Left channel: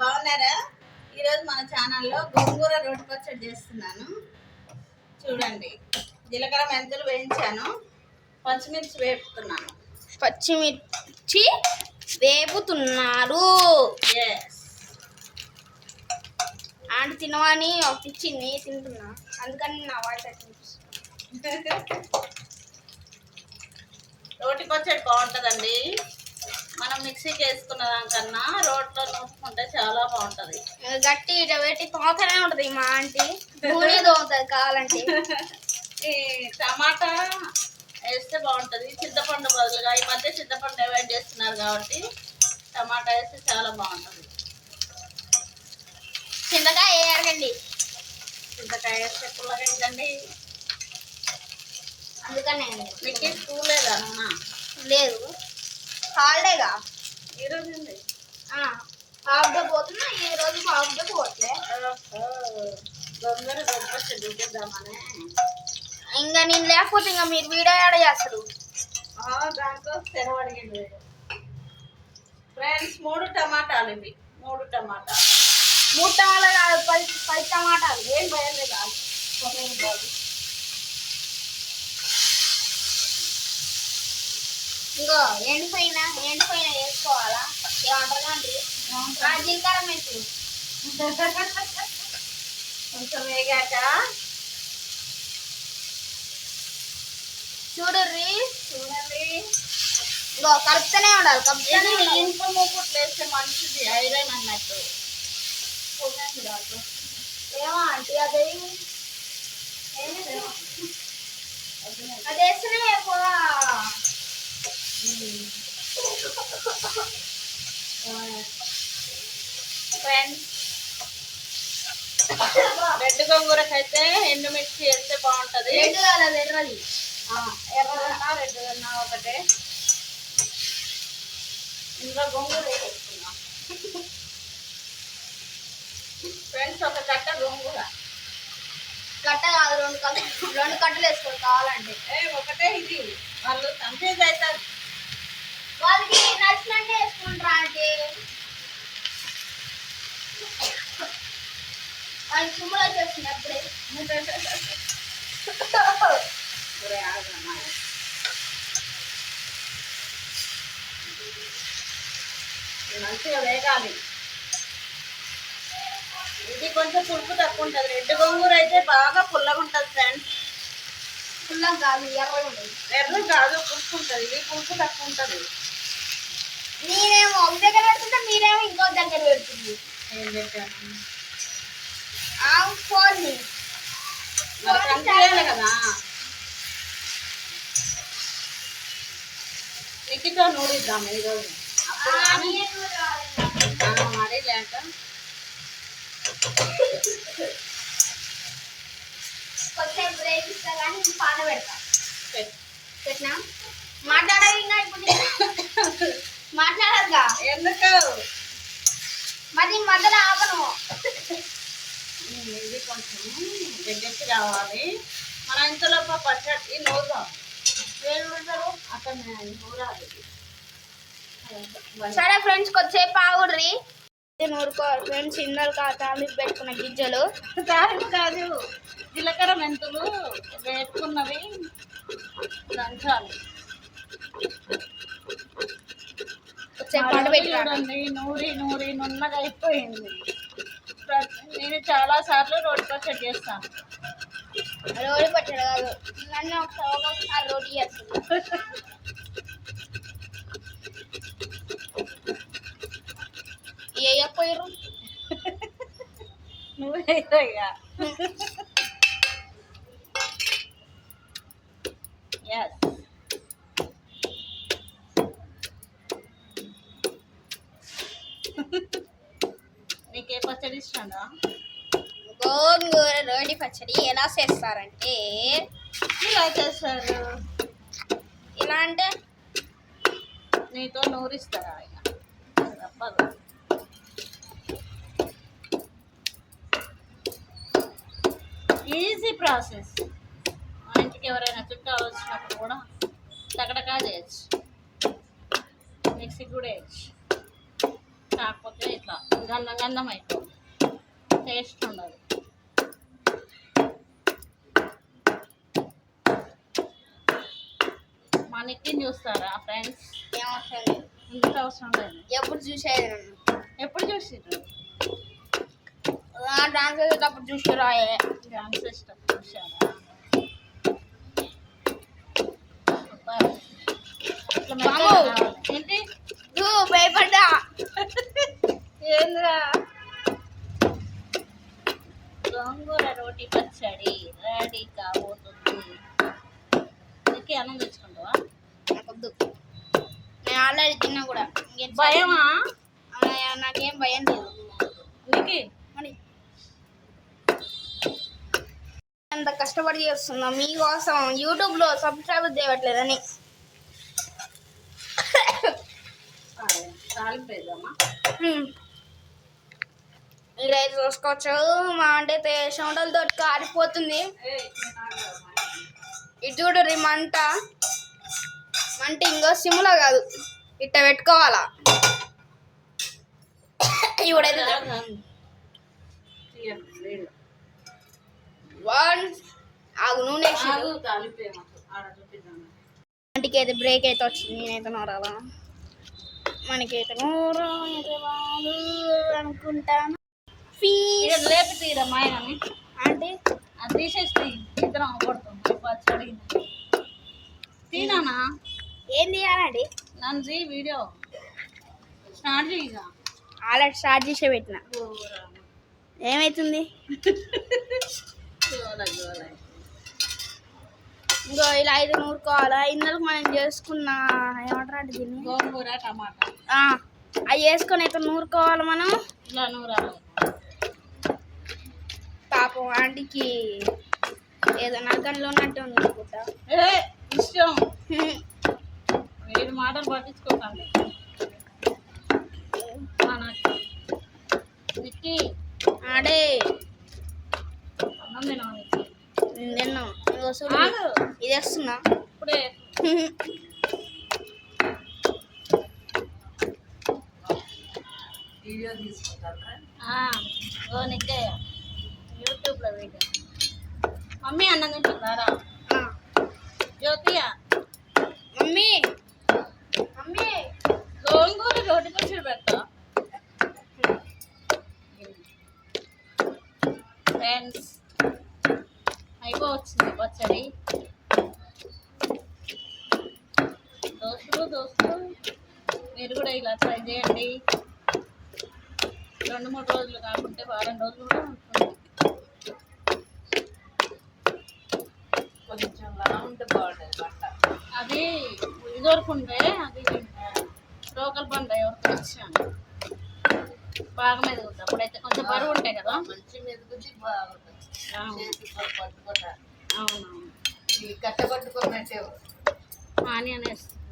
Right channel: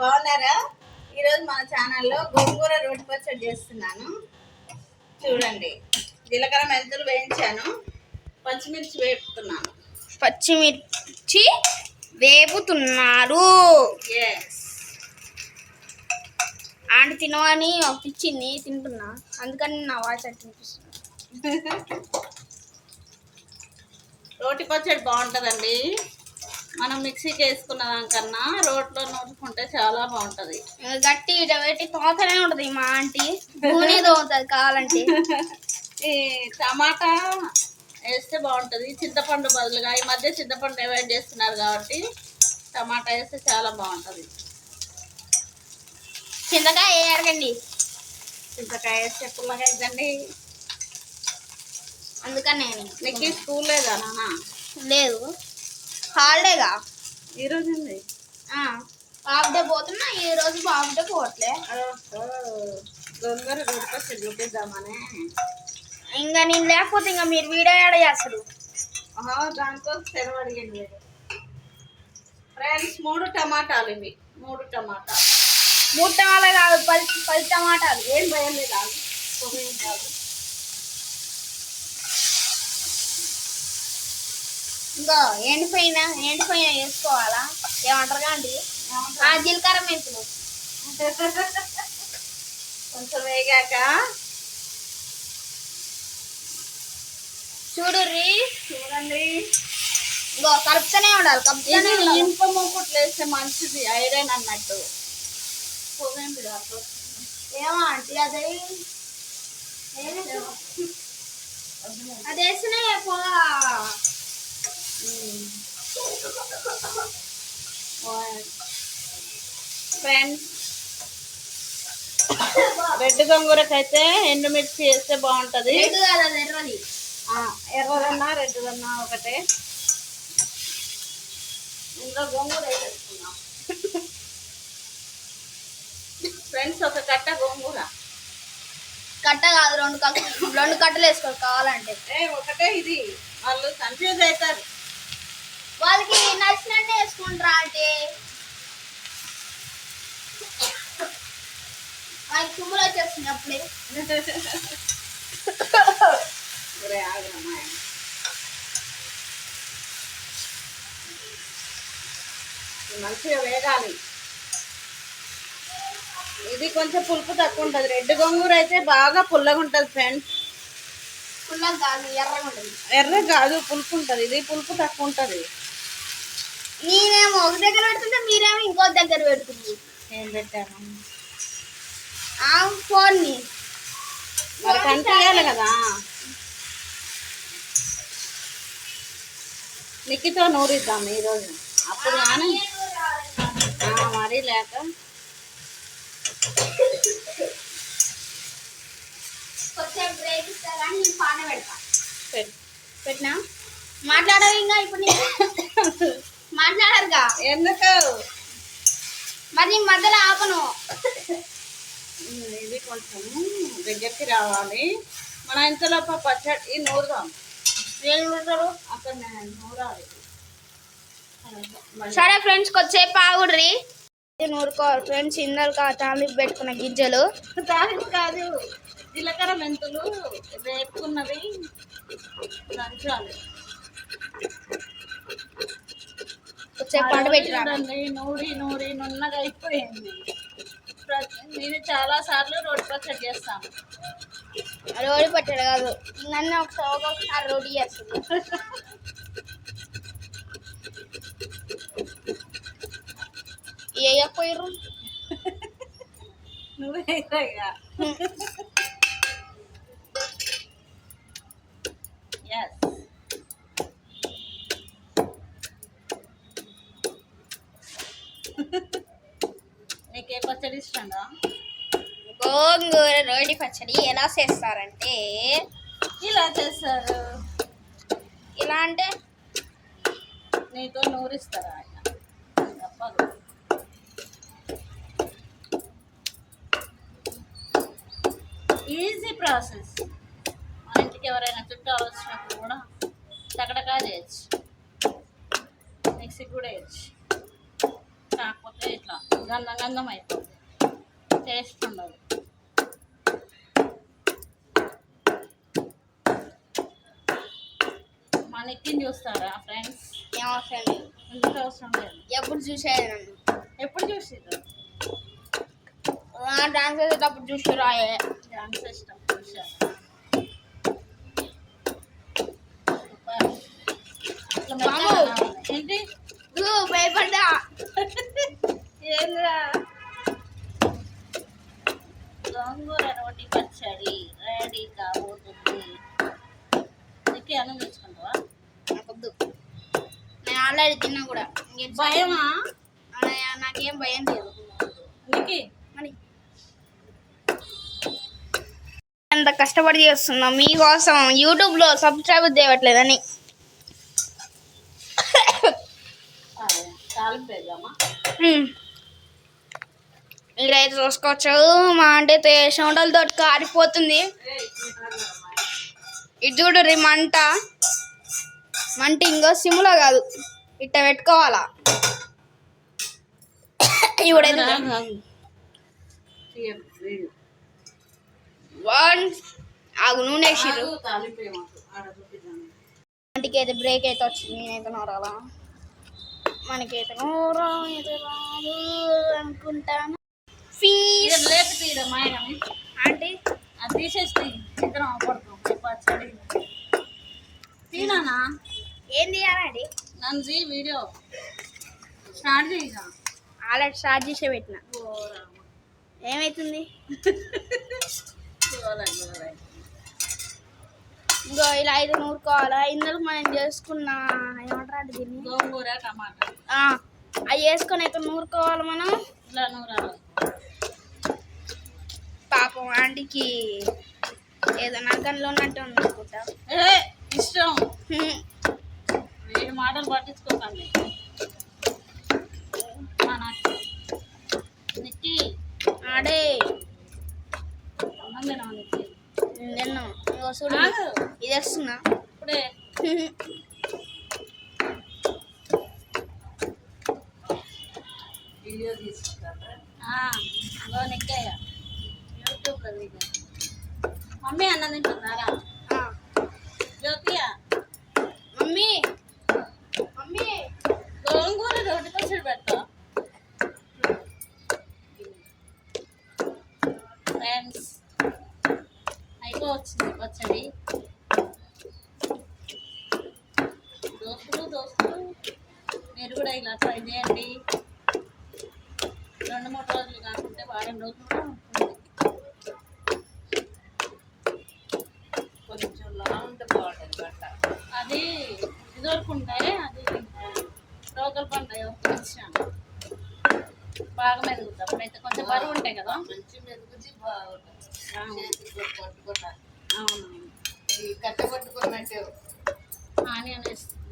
బాగున్నారా? ఈరోజు మన ఛానల్లో గోంగూర రోటి పచ్చడి చేస్తున్నాను. చూడండి జీలకర్ర మెంతులు వేయించాను. పచ్చిమిర్చి వేపుతున్నాను. పచ్చిమిర్చి వేపుతున్నారు. ఆంటీ తినవని ఇచ్చింది తింటున్నా. అందుకని నా వాయిస్ వినిపిస్తుంది. రోటి పచ్చడి బాగుంటుందండి. మనం మిక్సీకి వేసుకున్న దానికన్నా రోట్లో నూరుకుంటే చాలా బాగుంటుంది. గట్టి ఇట పెట్టి తోతనే ఉంటుంది మా ఆంటీ. నూనె తోముతుంది కావాలంటే. ఈ టమాటా వేస్తే బాగుంటుంది. చింతపండు బదులుగా ఈ మధ్య చింతపండు అవాయిడ్ చేస్తున్నారు కాబట్టి టమాటా వేస్తే చాలా బాగుంటుంది. చింతకాయ వేయకండి చింతకాయ వేస్తే పుల్లగా ఇద్దండి అందుకని నీకు స్కూల్ లేదా లేదు. హాలిడేగా ఈరోజు ఉంది హాఫ్ డే పోతున్నా ఈ రోజు హాఫ్ డే పోవట్లే. గొంగర గొప్ప చూపిద్దామనే ఇంకా నేను లేకపోతే ఇంకా మీరు వీడియో యాడ్ చేస్తారు. దాంతో సెలవు అడిగింది ఫ్రెండ్స్ మూడు టమాటాలు ఇవి. మూడు టమాటాలు. మూడు టమాటాలు కాదు పది పది టమాటాలు. ఏం భయం లేదు? కాదు. ఇంకా ఎండిపోయిన ఎండిపోయిన వేసుకోవాలా? ఏమంటారు అండి? ఆ జీలకర్ర మెంతులు. కొంచెం వేగాక. చూడుర్రి చూడండి. ఇంకో కలుపుతూనే ఉండాలి కలుపుతూనే ఇనుప మూకుట్లు వేస్తే మంచిది ఐరన్ అన్నట్టు. ఏమో ఆంటీ అది అది వేస్తేనే పొగ ఫ్రెండ్స్ రెడ్ గంగూరకైతే ఎండుమిర్చి వేస్తే బాగుంటది. ఎర్రదన్నా రెడ్దన్నా ఒకటే. ఇందులో గోంగూర వేసేసుకున్నాం ఫ్రెండ్స్ ఒక కట్ట గోంగూర. కట్ట కాదు రెండు కట్ట రెండు కట్టలు వేసుకోవాలి కావాలంటే. ఒకటే ఇది. వాళ్ళు కన్ఫ్యూజ్ అవుతారు. వాళ్ళకి నచ్చినట్టు వేసుకుంటారా అంటే? వాళ్ళకి తుమ్ములు వచ్చేస్తుంది అప్పుడే. మంచిగా వేగాలి. ఇది కొంచెం పులుపు తక్కువ ఉంటుంది. రెడ్ గోంగూర అయితే బాగా పుల్లగా ఉంటుంది ఫ్రెండ్స్. పుల్లం కాదు ఎర్రగా ఉంటుంది. ఎర్ర కాదు పులుపు ఉంటుంది. ఇది పులుపు తక్కువ ఉంటుంది. నేనేమో ఒక దగ్గర పెడుతుంటే మీరేమో ఇంకో దగ్గర పెడుతుంది. ఏం పెట్టాను ఆ ఫోన్ని కదా. నిక్కితో నూరిద్దాం ఈరోజు అప్పుడు కానీ మరీ లేక. కొంచెం బ్రేక్ ఇస్తా కానీ నేను పాట పెడతా. పెట్టు. పెట్టినా? మాట్లాడాలి ఇంకా ఇప్పుడు నేను మాట్లాడదుగా ఎందుకు? మరి మధ్యలో ఆపను. ఇది కొంచెం దగ్గరికి రావాలి. మన ఇంతలో పచ్చడి నూరుదాం నేను పెడతారు అక్కడ నూరాలి. సరే ఫ్రెండ్స్ కొద్దిసేపు ఆగుడ్రి. నూరుకోవాలి ఫ్రెండ్స్ ఇందరు తాలింపు పెట్టుకున్న గింజలు. తాలింపు కాదు జీలకర్ర మెంతులు వేపుకున్నవి దంచాలి. కొద్దిసేపు పంట నూరి నూరి నున్నగా అయిపోయింది. నేను చాలా సార్లు రోడ్డు పచ్చడి చేస్తాను. రోడి పట్టాడు కాదు. నన్ను ఒకసారి రోడి చేస్తుంది. వేయకపోయారు నువ్వే ఇక ఎస్ నీకే పచ్చడి ఇష్టంగా గోంగూర రోడి పచ్చడి ఎలా చేస్తారంటే ఇలా చేస్తారు? ఇలా అంటే నీతో నూరిస్తారా ఆయన? తప్పదు. ఈజీ ప్రాసెస్ మా ఇంటికి ఎవరైనా చుట్టాలు వచ్చినప్పుడు కూడా టకటకా చేయొచ్చు. మిక్సీ కూడా వేయచ్చు కాకపోతే ఇట్లా గంధం గంధం అయిపోతుంది టేస్ట్ ఉండదు. మా నెక్కిని చూస్తారా ఫ్రెండ్స్? ఏం అవసరం లేదు ఎందుకు అవసరం లేదు? ఎప్పుడు చూసేది ఎప్పుడు చూసిర్రు? డాన్స్ చేసేటప్పుడు చూసి రాయే డాన్స్ ఇష్టం చూసారా. ఏంటి? భయపడ్డా? భయమా? నాకేం భయం లేదు. నీకు మరి ఎంత కష్టపడి చేస్తున్నా మీకోసం యూట్యూబ్లో సబ్స్క్రైబ్ చేయట్లేదని. మీరైతే చూసుకోవచ్చు. మా అంటే చెమటలతో కారిపోతుంది. ఇది చూడు మంట. మంట ఇంకో సిమ్లో కాదు. ఇట్ట పెట్టుకోవాలా? వన్. ఆగు నూనె అయితే బ్రేక్ అయితే వచ్చింది నేనైతే నోరాలా మనకైతే నోరా అయితే రాదు అనుకుంటాను. తీరమ్మా ఆయనని ఆంటీ? అది తీసేసి ఇద్దరం కొడతాం పచ్చడి. తినానా ఏం తీయాలండి నంజీ వీడియో. స్టార్ట్ చేయగా ఆల్రెడీ స్టార్ట్ చేసే పెట్టిన. ఏమవుతుంది ఇంకో ఇలా ఐదు నూరుకోవాలా? ఇందులో మనం చేసుకున్న ఏమంటారు అంటే దీన్ని? గోంగూర టమాటా. అవి వేసుకొని అయితే నూరుకోవాలి మనం. ఇలా నూరాలి. పాపం ఆంటీకి ఏదో నరకంలో ఉన్నట్టు ఉంది అనుకుంటా. ఇష్టం. మాటలు పట్టించుకోకండి. నిక్కి ఆడే. అన్నం నిక్కి? చూడు. ఇది వేస్తున్నా ఇప్పుడే. వీడియో తీసుకుంటారా? నిక్కయ్య యూట్యూబ్లో వీడియో. మమ్మీ అన్నం తింటున్నారా ఆ, జ్యోతియ మమ్మీ మమ్మీ గోంగూర రోటి పచ్చడి పెడతా ఫ్రెండ్స్ అయిపోవచ్చింది పచ్చడి దోస్తులు దోస్తులు. మీరు కూడా ఇలా ట్రై చేయండి. రెండు మూడు రోజులు కాకుంటే వారం రోజులు కూడా ఉంటుంది. కొంచెం లా ఉంటే బాగుంటుంది బట్ట. అది ఇదివరకు ఉండే అది లోకల్ పంట ఎవరికి వచ్చాను బాగా మెరుగుతుంది అప్పుడైతే కొంచెం బరువు ఉంటాయి కదా. మంచి మెరుగుద్ది బాగుంటుంది. అవును. పట్టుకుంటారు ఇవి కట్టబట్టుకున్నట్టే. ఆనియన్ వేస్తుంది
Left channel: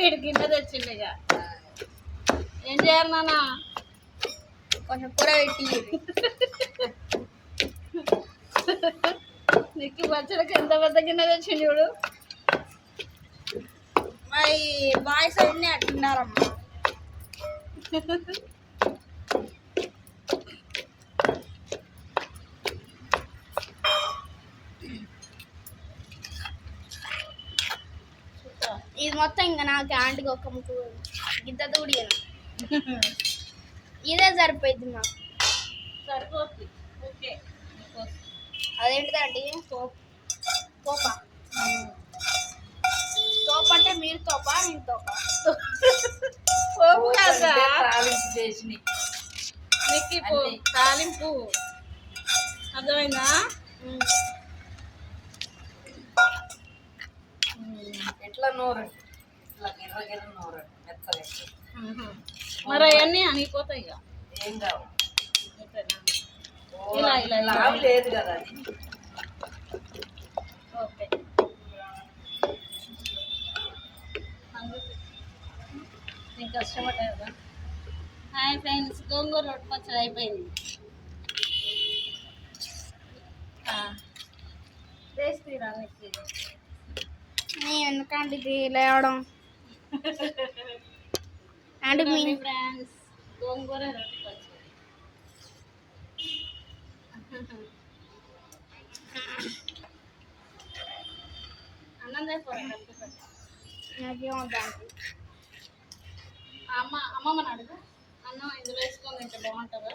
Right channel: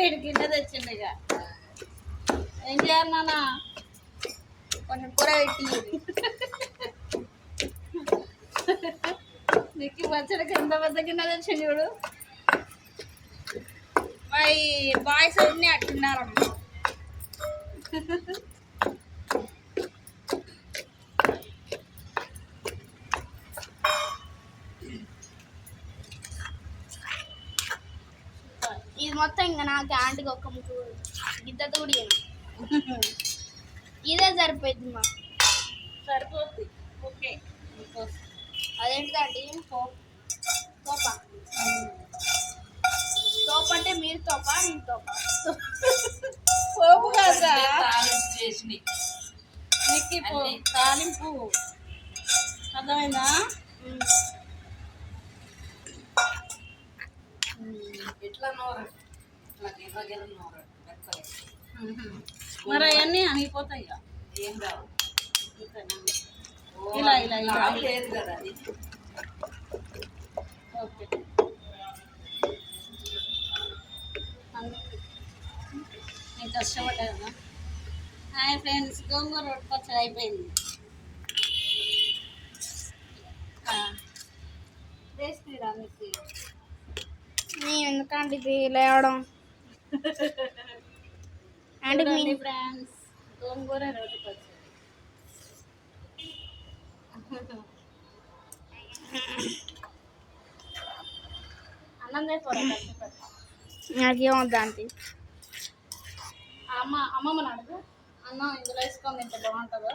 వీడి గిన్నె తెచ్చిండు ఇక. ఏం చేయాలి నాన్న? కొంచెం కూర పెట్టి నీకు పచ్చడికి ఎంత పెద్ద గిన్నె తెచ్చిండు చూడు. మరి బాయ్స్ అన్నీ అట్టున్నారమ్మా ఇది మొత్తం ఇంకా నాకు ఆంటీకి ఒక ముక్కు గిద్ద దూడియను ఇదే సరిపోయింది మా సరిపోతుంది ఓకే. అదేంటిదండి తోప. తోప? అంటే మీరు తోప నేను తోప? పోపు. తాలింపు అర్థమైందా? ఎట్లా నూరు? మరి అవన్నీ అనిపోతాయి ఇక. ఏం కావు ఇలా, ఇలా, ఇలా. లేదు కదా అది. ఓకే. నేను కష్టపడ్డా కదా. హాయ్ ఫ్రెండ్స్ గోంగూర రొట్టె పచ్చడి అయిపోయింది. నేను ఎందుకంటే ఇది లేవడం? అంటే మీ ఫ్రెండ్స్ గోంగూర రోటి పచ్చడి. అన్నం తెపోరా నాకేం వద్దంటే అమ్మ అమ్మమ్మని అడుగు. అన్నం ఇందులో వేసుకొని తింటే బాగుంటుందో?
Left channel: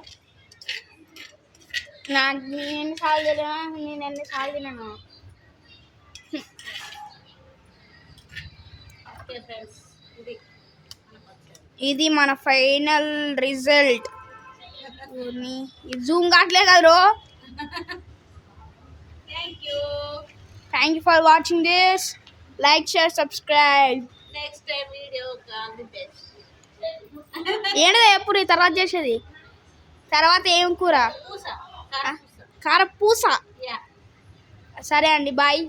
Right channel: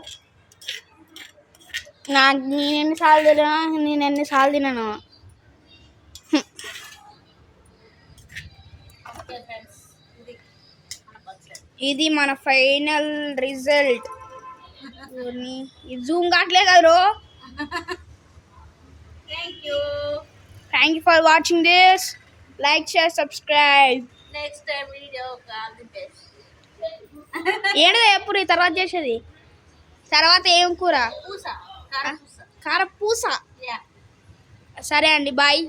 నాకు నేను ఎన్నిసార్లు తినా నేను ఎన్నిసార్లు తినను. ఓకే ఫ్రెండ్స్ ఇది మన ఫైనల్ రిజల్ట్. జూమ్ కావట్లేదు కదా thank you thank you for watching this like share subscribe next time video all the best ఏంటిది ఎప్పుడు ఈ తర్వాత చేసేది? తర్వాత ఏం కూర? పూస కారం పూస కార పూస? యా సరే అండి బాయ్